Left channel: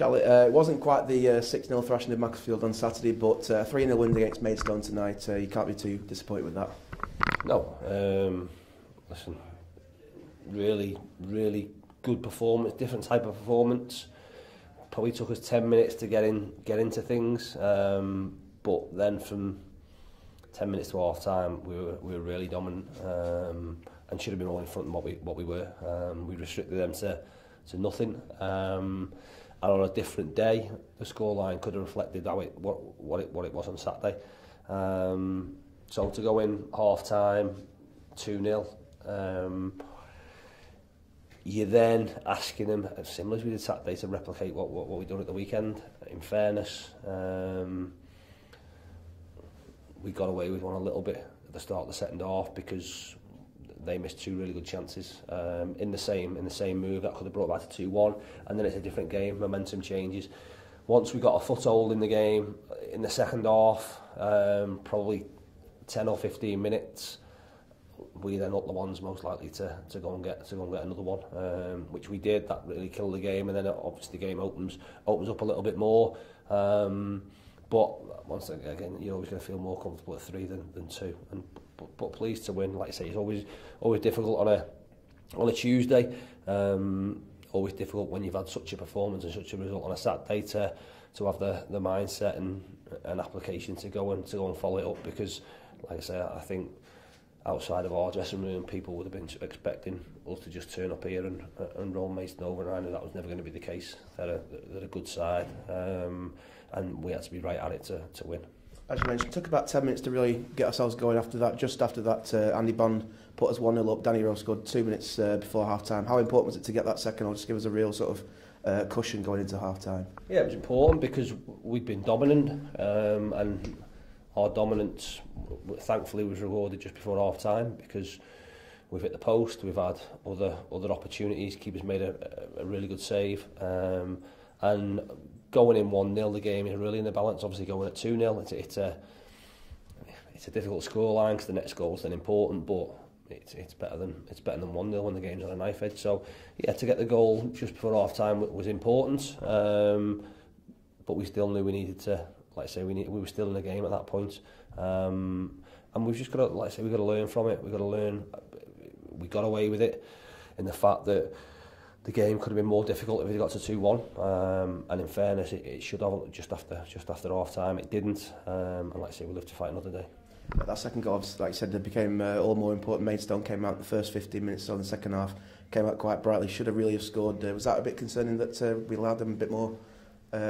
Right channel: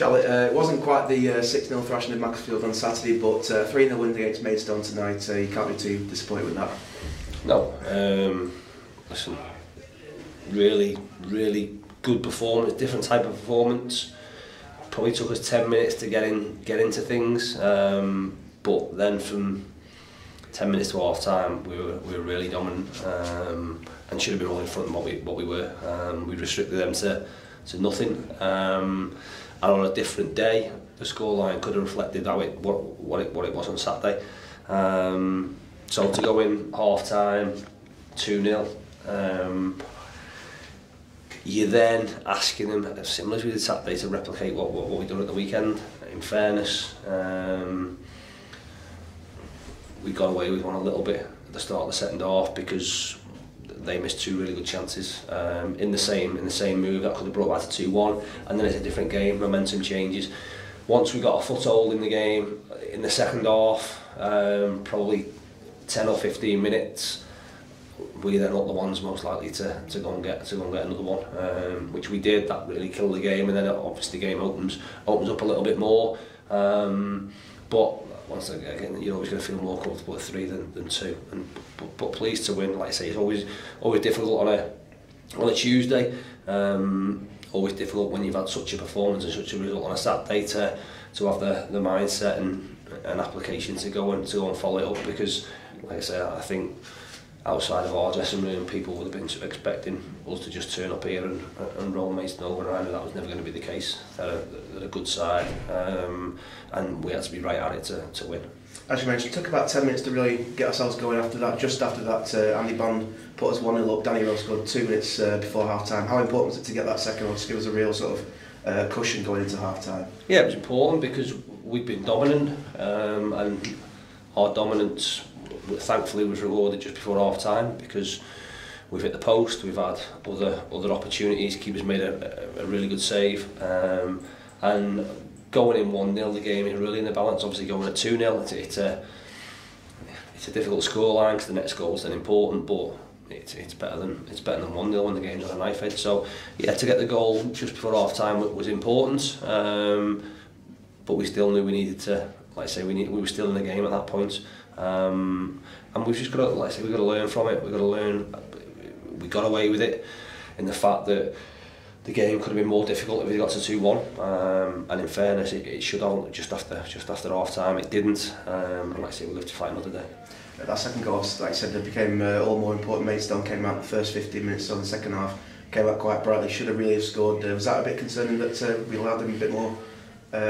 Charlie, it wasn't quite the 6-0 thrashing of Macclesfield on Saturday, but 3-0 win against Maidstone tonight. You can't be too disappointed with that. No, listen, really good performance, different type of performance. Probably took us 10 minutes to get into things, but then from 10 minutes to half time, we were really dominant, and should have been all in front of what we were. We restricted them to nothing. And on a different day, the scoreline could have reflected what it was on Saturday. So to go in half time, 2-0, you're then asking them, similar as we did Saturday, to replicate what we done at the weekend. In fairness, we got away with one a little bit at the start of the second half because they missed two really good chances in the same move that could have brought back to 2-1, and then it's a different game. Momentum changes. Once we got a foothold in the game in the second half, probably 10 or 15 minutes, we then not the ones most likely to go and get another one, which we did. That really killed the game, and then obviously the game opens up a little bit more. But once again, you're always going to feel more comfortable at 3 than 2. But pleased to win. Like I say, it's always difficult on a Tuesday. Always difficult when you've had such a performance and such a result on a Saturday to have the mindset and application to go and follow it up, because like I say, I think outside of our dressing room, people would have been expecting us to just turn up here and roll Maidstone over, and I knew that was never going to be the case. They're a good side, and we had to be right at it to win. As you mentioned, it took about 10 minutes to really get ourselves going after that. Just after that, Andy Bond put us 1-0 up. Danny Rose scored 2 minutes before half-time. How important was it to get that second one, to give us a real sort of cushion going into half-time? Yeah, it was important because we'd been dominant, and our dominance thankfully was rewarded just before half-time, because we've hit the post, we've had other opportunities. Keeper's made a really good save, and going in 1-0, the game is really in the balance. Obviously going at 2-0, it's a difficult scoreline because the next goal is then important, but it's better than 1-0 when the game's on a knife edge. So yeah, to get the goal just before half time was important, but we still knew we needed to, like I say, we were still in the game at that point, and we've just got to, like I say, we've got to learn from it. We've got to learn. We got away with it in the fact that the game could have been more difficult if it got to 2-1, and in fairness, it should have just after half time. It didn't, and like I say, we live to fight another day. That second goal, like I said, it became all more important. Maidstone came out the first 15 minutes, so in the second half came out quite brightly. Should have really have scored. Was that a bit concerning that we allowed them a bit more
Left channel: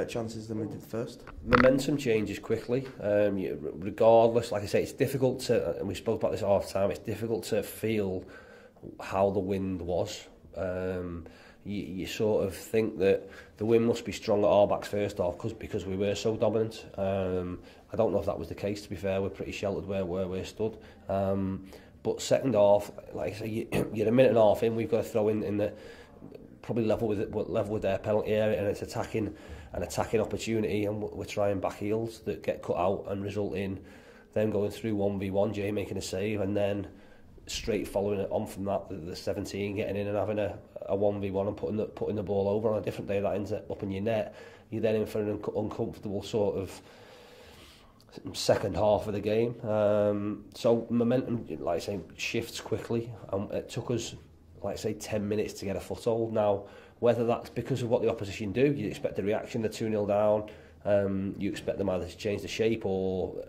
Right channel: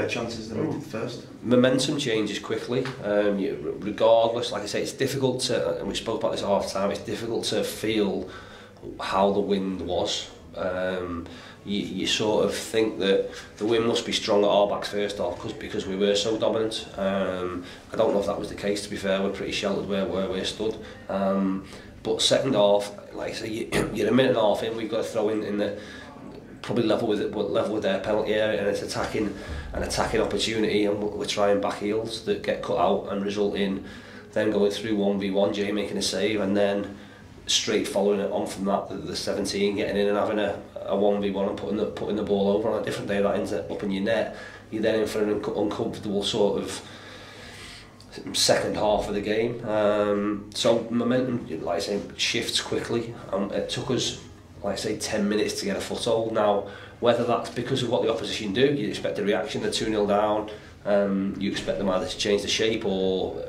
chances than we did first? Momentum changes quickly. Regardless, like I say, it's difficult to, and we spoke about this at half time, it's difficult to feel how the wind was. You sort of think that the wind must be strong at our backs first off because we were so dominant. I don't know if that was the case, to be fair. We're pretty sheltered where we stood. But second half, like I say, you're a minute and a half in, we've got to throw in the probably level with their penalty area, and it's an attacking opportunity, and we're trying back heels that get cut out and result in them going through 1v1, Jay making a save, and then straight following it on from that, the 17 getting in and having a 1v1 and putting the ball over. On a different day that ends up in your net, you're then in for an uncomfortable sort of second half of the game. So momentum, like I say, shifts quickly. It took us, like I say, 10 minutes to get a foothold. Now, whether that's because of what the opposition do, you expect a reaction, they're 2-0 down, you expect them either to change the shape or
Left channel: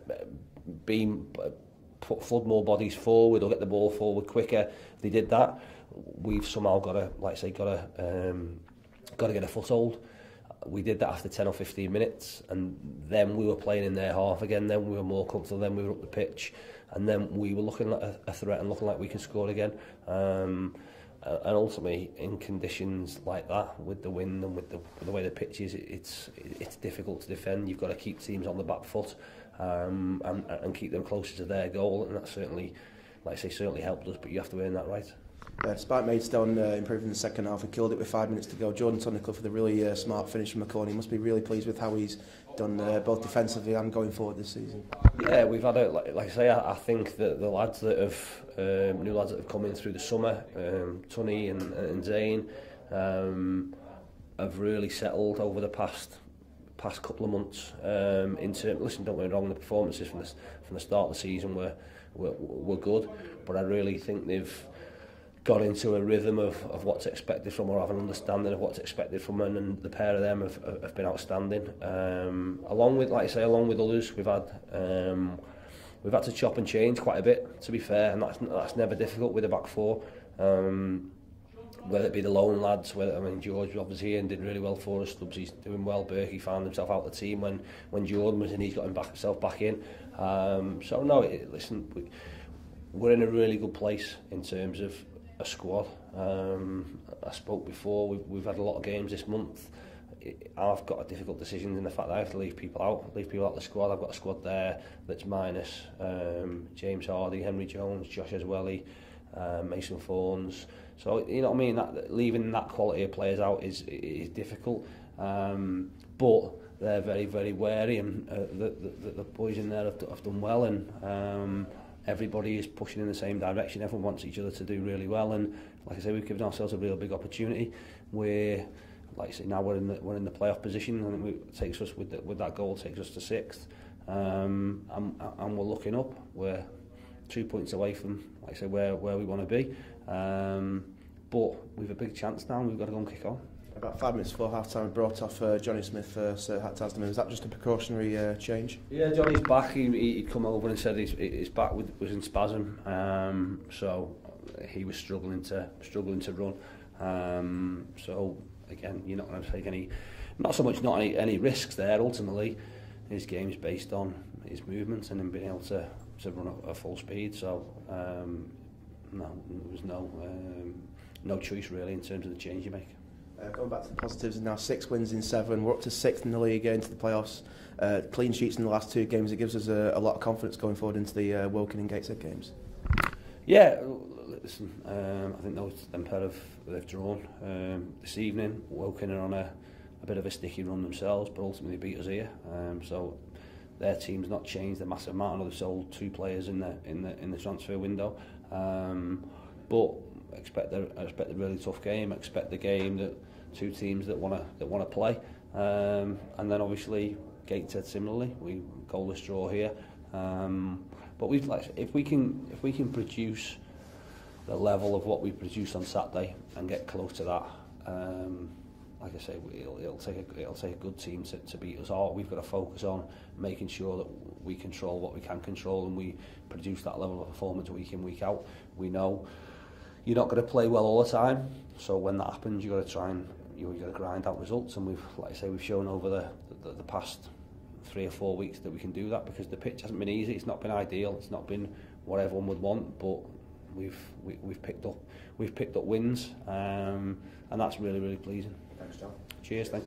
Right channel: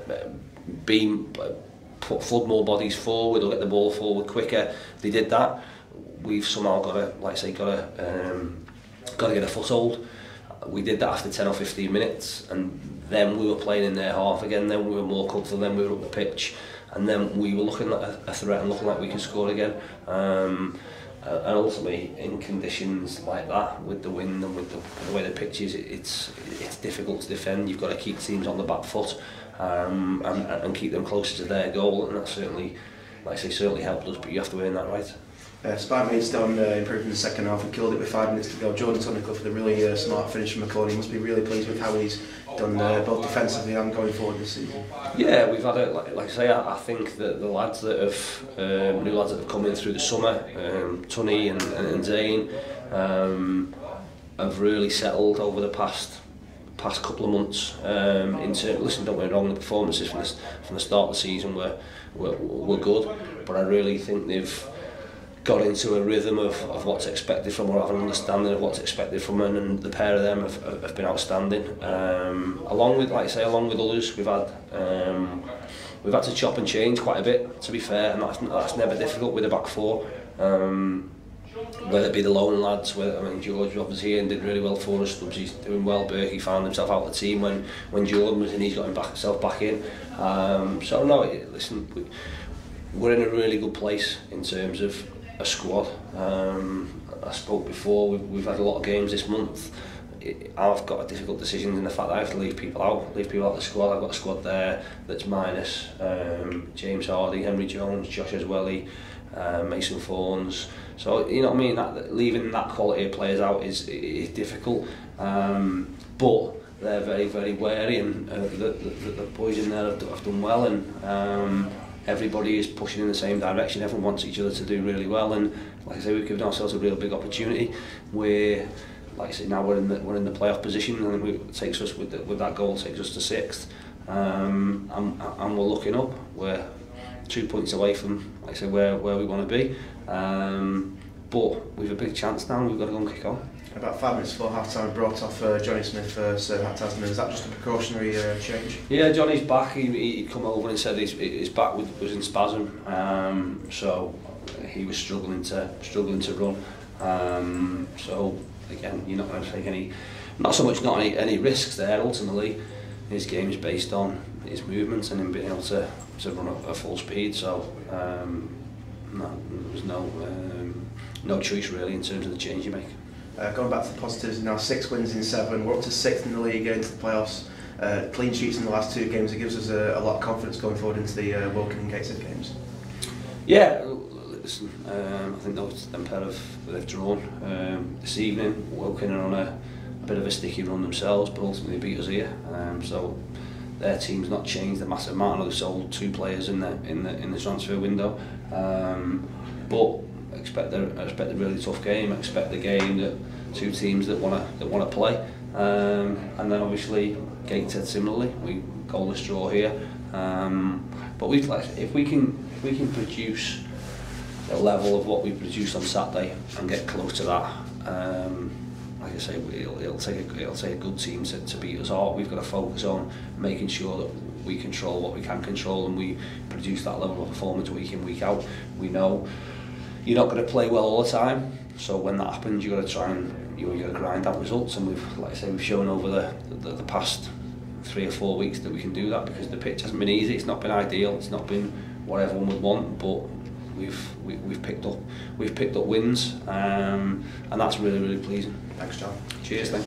flood more bodies forward or get the ball forward quicker. They did that. We've somehow got to get a foothold. We did that after 10 or 15 minutes, and then we were playing in their half again. Then we were more comfortable. Then we were up the pitch, and then we were looking like a threat and looking like we could score again. And ultimately, in conditions like that, with the wind and with the way the pitch is, it's difficult to defend. You've got to keep teams on the back foot. And keep them closer to their goal, and that certainly, like I say, certainly helped us, but you have to earn that right. Despite Maidstone improving in the second half, we killed it with 5 minutes to go. Jordan Tunnicliffe with a really smart finish from the corner. He must be really pleased with how he's done both defensively and going forward this season. Yeah, we've had it, like I say, I think that the lads that have, new lads that have come in through the summer, Tunny and Zane, have really settled over the past couple of months. Listen, don't get me wrong, the performances from the start of the season were good, but I really think they've got into a rhythm of what's expected from them, or have an understanding of what's expected from them, and the pair of them have been outstanding. Along with, like I say, along with others, we've had to chop and change quite a bit, to be fair, and that's never difficult with a back four. Whether it be the lone lads, George was obviously here and did really well for us. Stubbsy's doing well. Berkey found himself out of the team when Jordan was in. He's got himself back in. So no, listen, we're in a really good place in terms of a squad. I spoke before. We've had a lot of games this month. I've got a difficult decision in the fact that I have to leave people out of the squad. I've got a squad there that's minus James Hardy, Henry Jones, Josh Eswelly, Mason Fawns. So you know what I mean. That leaving that quality of players out is difficult. But they're very, very wary, and the boys in there have done well, and everybody is pushing in the same direction. Everyone wants each other to do really well, and like I say, we've given ourselves a real big opportunity. We're, like I say, now we're in the playoff position, and it takes us with that goal takes us to 6th, and we're looking up. We're 2 points away from, like I say, where we want to be, but we've a big chance now, and we've got to go and kick on. About 5 minutes before half-time, we brought off Johnny Smith for Sir Hat Tasman. Is that just a precautionary change? Yeah, Johnny's back. He'd come over and said his back was in spasm, so he was struggling to run. So again, you're not going to take not so much any risks there. Ultimately, his game is based on his movements and him being able to run at full speed. So no, there was no choice really in terms of the change you make. Going back to the positives, now 6 wins in 7, we're up to 6th in the league, into the playoffs. Clean sheets in the last 2 games, it gives us a lot of confidence going forward into the Woking and Gateshead games. Yeah, listen, I think them pair they've drawn this evening. Woking are on a bit of a sticky run themselves, but ultimately they beat us here. So their team's not changed a massive amount. I know they sold 2 players in the transfer window, but I expect a really tough game. I expect the game that 2 teams that want to play, and then obviously Gateshead similarly. We goalless draw here, but if we can produce the level of what we produced on Saturday and get close to that, like I say, it'll take a good team to beat us all. We've got to focus on making sure that we control what we can control, and we produce that level of performance week in, week out. We know you're not going to play well all the time, so when that happens, you've got to try and you've got to grind out results. And we've shown over the past 3 or 4 weeks that we can do that, because the pitch hasn't been easy. It's not been ideal. It's not been what everyone would want, but we've picked up wins, and that's really, really pleasing. Thanks, John. Cheers. Thanks.